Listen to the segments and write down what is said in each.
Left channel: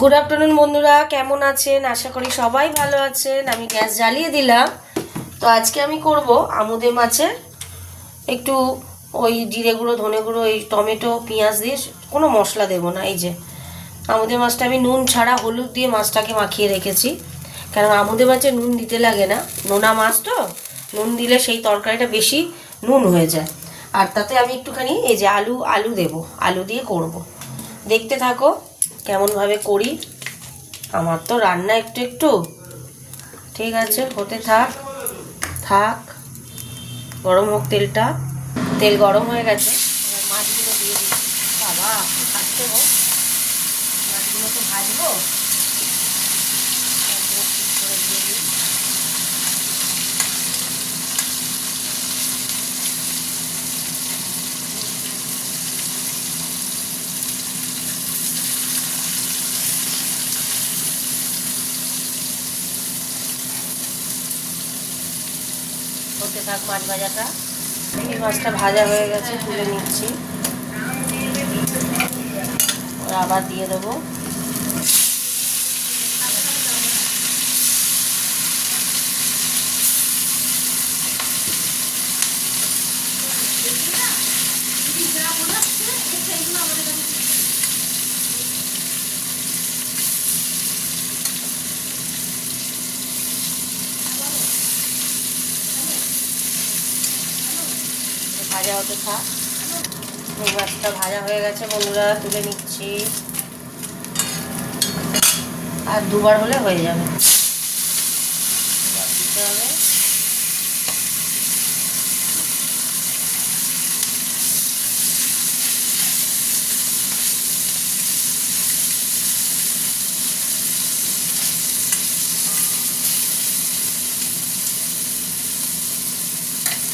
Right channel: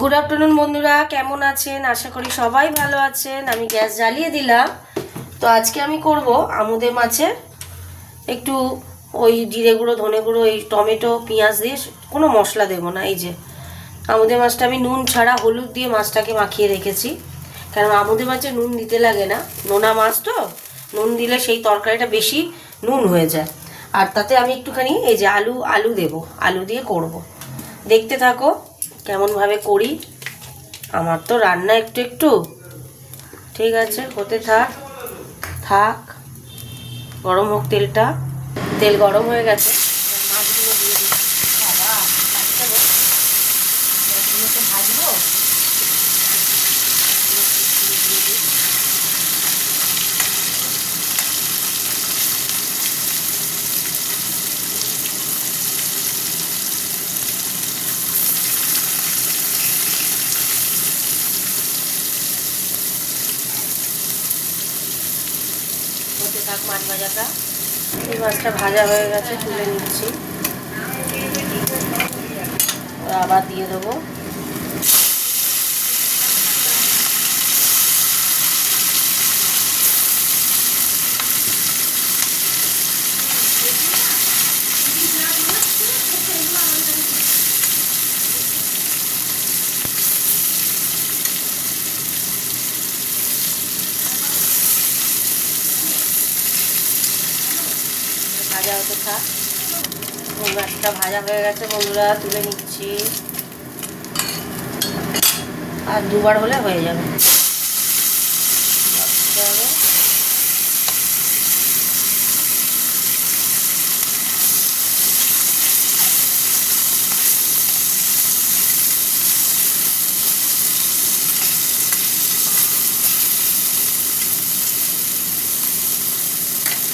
Good afternoon বন্ধুরা, কেমন আছেন? আশা করি সবাই ভালো আছেন। আমি গ্যাস জ্বালিয়ে দিলাম। তো আজকে আমি করব আমুদে মাছের একটু ওই জিরে গুঁড়ো, ধনে গুঁড়ো, এই টমেটো, পেঁয়াজ দিয়ে কোনো মশলা দেব না। এই যে আমুদে মাছটা আমি নুন ছাড়া হলুদ দিয়ে মাছটাকে মাখিয়ে রেখেছি, কারণ আমুদে মাছে নুন দিতে লাগে না, নোনা মাছ তো। নুন দিলে সেই তরকারিটা বেশি নুন হয়ে যায়। আর তাতে আমি একটুখানি এই যে আলু দেব, আলু দিয়ে করব। দেখতে থাকো কেমনভাবে করি। আমার তো রান্না একটু একটু, ঠিক আছে, হতে থাক থাক। গরম হোক তেলটা। তেল গরম হয়ে গেছে, এবার মাছগুলো দিয়ে দিই। বাবা কাটতে হোক, মাছগুলোকে ভাজবো। দিয়ে দিই। হতে থাক মাছ ভাজাটা। এই মাছটা ভাজা হয়ে গেছে, তুলে নিচ্ছি। আবার দিয়ে দেবো। ভাজা হতে থাক। এই মাছটা ভাজা হয়ে গেছে বন্ধুরা, তুলে নিচ্ছি। আর দুবার হলে হয়ে যাবে। দিতে হবে।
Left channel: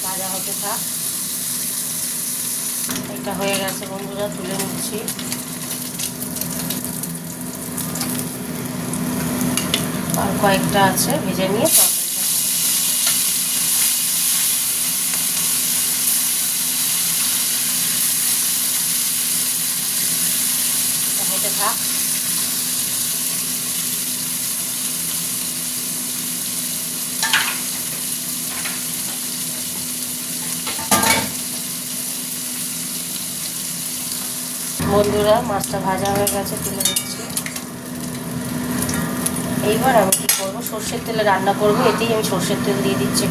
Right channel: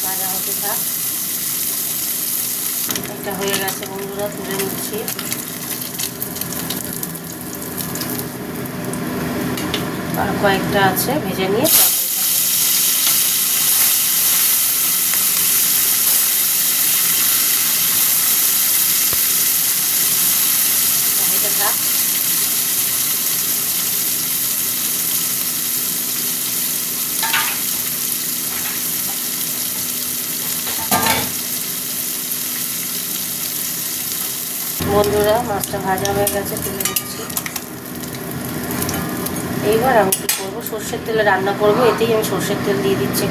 ভাজা হতে থাক। এটা হয়ে গেছে বন্ধুরা, তুলে নিচ্ছি। আর কয়েকটা আছে, ভেজে নিয়ে হতে থাক। বন্ধুরা মাছটা ভাজা হয়ে গেছে, তুলে নিচ্ছি। এইবার আমি কী করবো, সর্ষের তেলে রান্না করব। এতেই আমি সর্ষের তেল দিয়ে দিচ্ছি।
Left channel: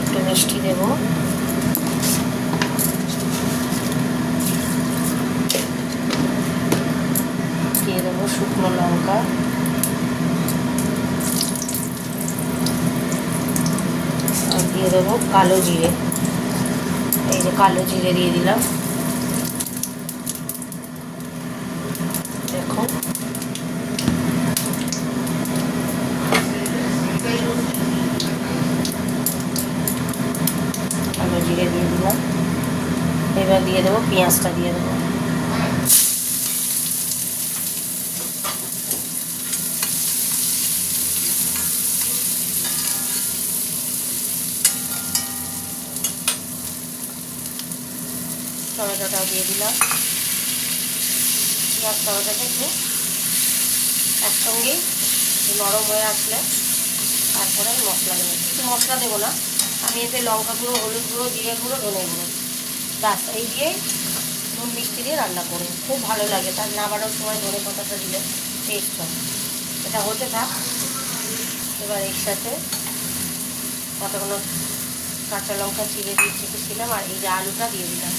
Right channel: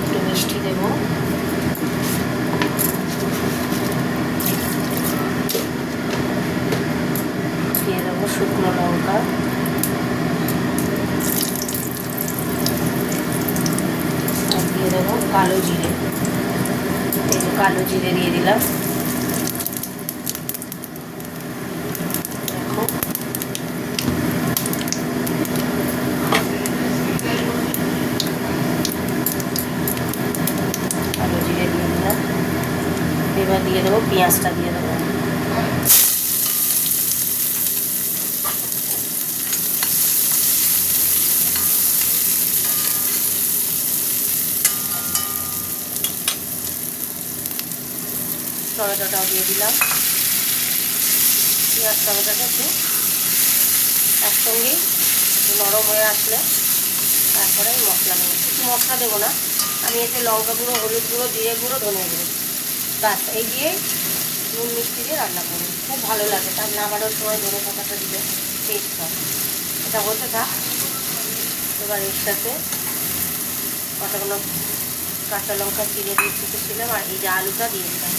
একটু মিষ্টি দেবো। দিয়ে দেবো শুকনো লঙ্কা। আর দিয়ে দেবো কালো জিরে। এই যে কালো জিরে দিয়ে দিলাম। দেখো কালো জিরে দিয়ে দিলাম। এবার দিয়ে দেবো পেঁয়াজটা, দিয়ে দেবো। টমেটোটাও দিয়ে দিলাম। পেঁয়াজ টমেটোটা একটু একসঙ্গেই নরম হয়ে আসলে তারপরে আমি মশলা দেবো। কিছু মশলা দেবো না, আমি এতে লঙ্কা গুঁড়ো, হলুদ গুঁড়ো, জিরে গুঁড়ো, ধনে গুঁড়ো, বাস এই দিয়ে নুন মিষ্টি দিয়ে রান্না করবো। খুব ভালো লাগে। তার নামানোর সময় ধনে পাতাটা দিলে টেস্ট হয়। এটা হতে থাক। এবার এর সাথে কতগুলো কাঁচা লঙ্কা চিড়ে দিয়ে রেখেছিলাম, আর এই যে আলুটা দিয়ে দিলাম।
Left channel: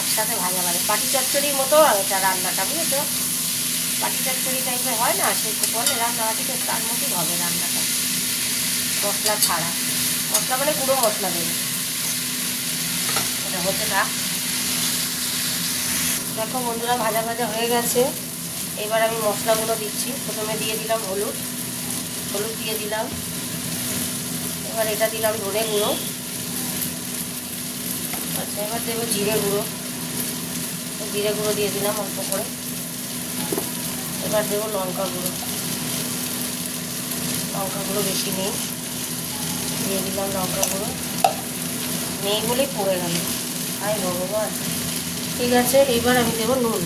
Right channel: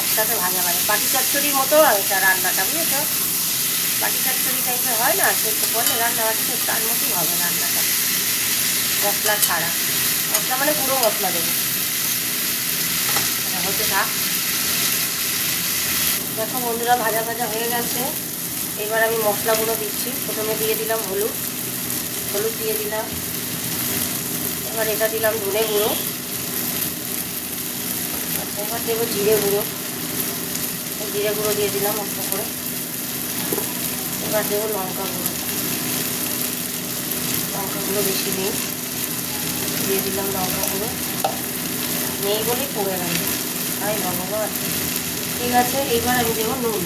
একসাথে ভাজা ভাজা পাটি চচ্চড়ির মতো এটা রান্নাটা, বুঝেছো? পাটি চচ্চড়ি টাইপের হয় না, সেটা করলে রান্নাবাটিতে তার মতোই হবে রান্নাটা, মশলা ছাড়া। মশলা মানে পুরো মশলা দেবো। এটা হতে থাক। দেখো বন্ধুরা ভাজা ভাজা হয়ে গেছে। এবার আমি মশলাগুলো দিচ্ছি। প্রথমে দিয়ে দিলাম হলুদ দিয়ে দিলাম। এবার এটা দিলাম ধনে গুঁড়ো। আচ্ছা, এবার দেবো জিরে গুঁড়ো দিয়ে দিলাম অল্প করে। এবার দেবো লঙ্কা গুঁড়ো বেশি নেই। দিয়ে দিলাম লঙ্কা গুঁড়ো, নেই বলেই পড়ে গেল, হায় ভগবান। ঠিক আছে, এইবার আমি দেবো নুন,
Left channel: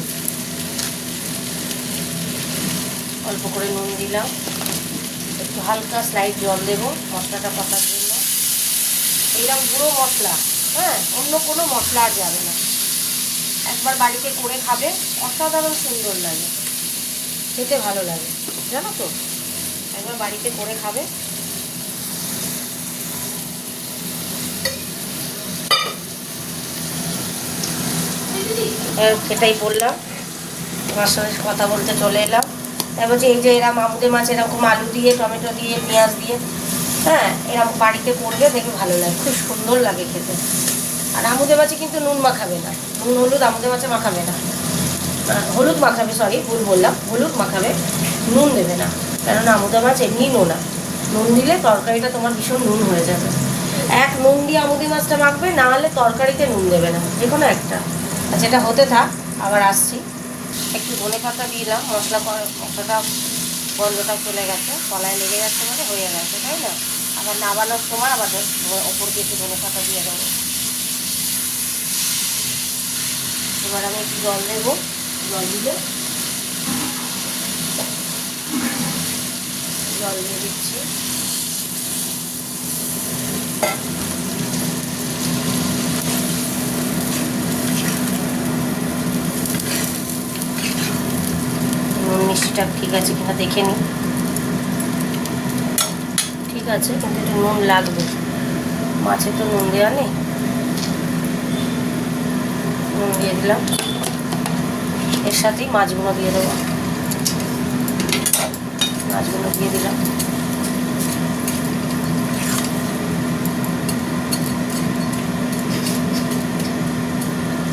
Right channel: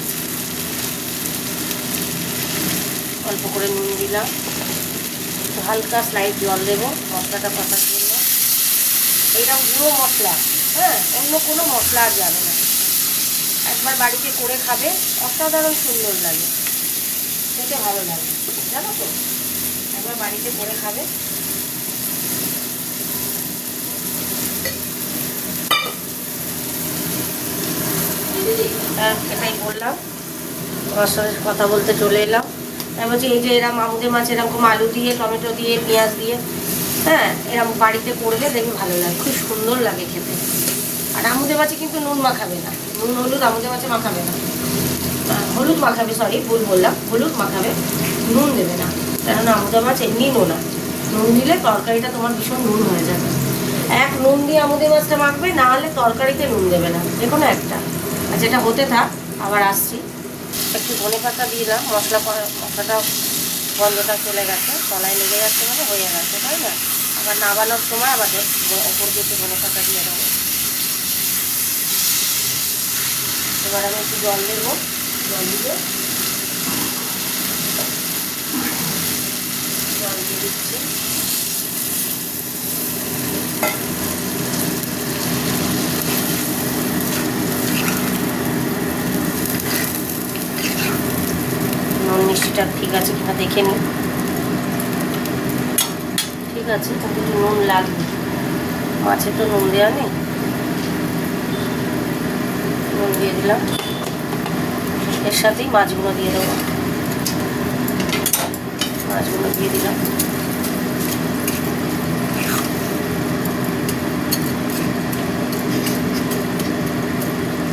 অল্প করে নুন দিলাম, একটু হালকা স্লাইড জল দেবো মশলাটা কষার জন্য। এইরকম গুঁড়ো মশলা, হ্যাঁ, অন্য কোনো মশলা আর যাবে না। একবার বাড়িতে করে খাবে, অসাধারণ সুন্দর লাগে, খেতে ভালো লাগে, জানো তো। একবার বাড়িতে করে খাবে। সেটাই বললাম, তোমার সঙ্গে কথা বলতে চলে এলাম। তারপর যে এই যে এরম আমুদে মাছ এরকম আলু দিয়ে, টমেটো দিয়ে, পেঁয়াজ দিয়ে, হ্যাঁ, এরকম বাড়িতে করলে দেখবে ভালো লাগে, খুব সুন্দর লাগে খেতে। আর আমুদে মাছে কিন্তু নুন মাখাবে না, নুন হলুদ আমুদে মাছে মাখাবে না, হলুদ মাখাবে, সরি ভুল বললাম, হলুদ মাখাবে, নুন দেবে না। কেননা আমুদে মাছ এমনি নোনা, নুন দিলে তরকারিটা তোমার ভীষণ নুন হয়ে যাবে। এক নুন দিয়ে আমুদে মাছটা মাখবে, না হলে তরকারিতে নুন দেবে না, যে কোনো একটা। আর যেটা হতে থাক, আবার আসছি। একটু ধনে পাতা দিলাম, মশলাটা গন্ধটা চলে গেছে, তলায় লেগে যাচ্ছে মানে হয়ে গেছে, তাই না? আবার নাবানোর সময় আবার ওপর দিয়ে একটু ধনে পাতা দিয়ে দেবো। এবার আমি একটু জল দেবো, জল দিয়ে দিচ্ছি। নুন মিষ্টিটা ঠিক আছে কিনা দেখে নিই। ঠিক আছে, কিন্তু একটু নুন লাগবে, মাছে তো নুন দেওয়া নেই। নুন দিয়ে দিলাম, এর সাথেই মাছগুলো দিয়ে দেবো, মাছগুলো দিয়ে দিলাম।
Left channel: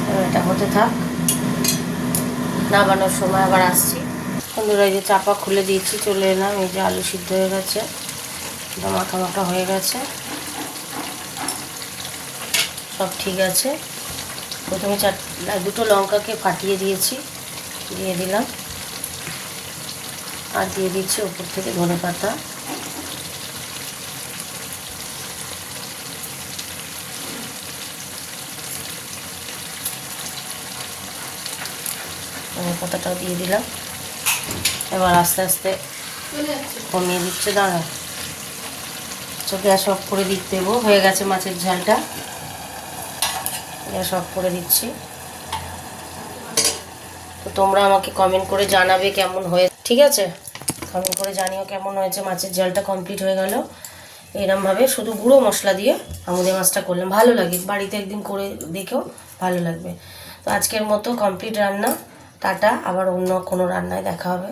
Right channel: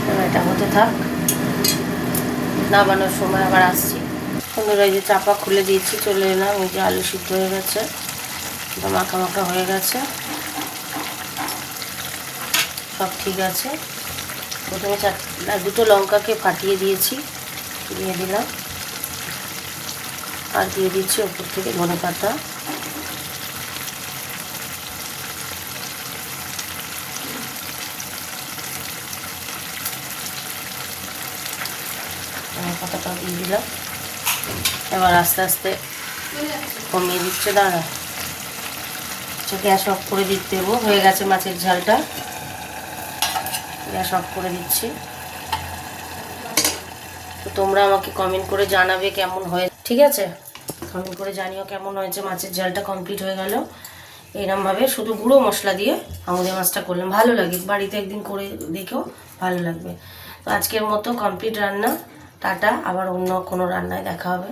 এবার এটা হতে থাক, নামানোর সময় আবার আসছি। বন্ধুরা, এই যে চাপা খুলে দিয়েছি, চলে এলাম। এই যে আলু সিদ্ধ হয়ে গেছে, মাখা মাখা হয়ে গেছে, সব ঠিক আছে। প্রথমে দুটো লঙ্কাকে ফাটিয়ে দিয়েছি, দিয়ে দিলাম, আর দিয়ে দিচ্ছি ওপর থেকে ধনে পাতা। ধনে পাতাটাও দিয়ে দিলাম। এবার আস্তে আস্তে কমিয়ে দিচ্ছে, দাঁড়া, গ্যাস অফ করে দিতে দেবো। হয়ে গেছে মাছের ঝালটা, গ্যাস অফ করে দিচ্ছি। তো তোমরা আমাকে কমেন্ট করে জানাবে কেমন হয়ে, ঠিক আছে? কমেন্ট করে জানিও কেমন হয়েছে। মাছের ঝালটা কমপ্লিট হয়ে গেল। এরমভাবে শুধু গুঁড়ো মশলা দিয়ে আমুদে মাছটা করলাম, ভালো লাগে, বাড়িতে একদিন করে দেখেও ভালো লাগবে। তো আজকের মতো কমপ্লিট রান্না, টাটা, আবার অন্য কোনো রান্নায় দেখা হবে।